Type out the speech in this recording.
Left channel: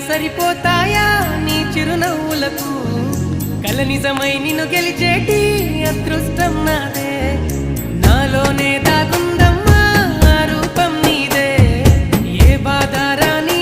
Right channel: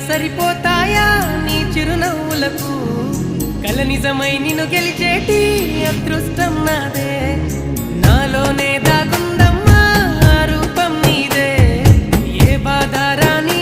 సరిపోతాయా నీ చిరునవ్వులకు కల నిజమై నిన్ను గెలిచేటి అదృష్టం నాదే నాలోనే దాగుందమ్మా రూపం నీదే ఏ బాధ రాని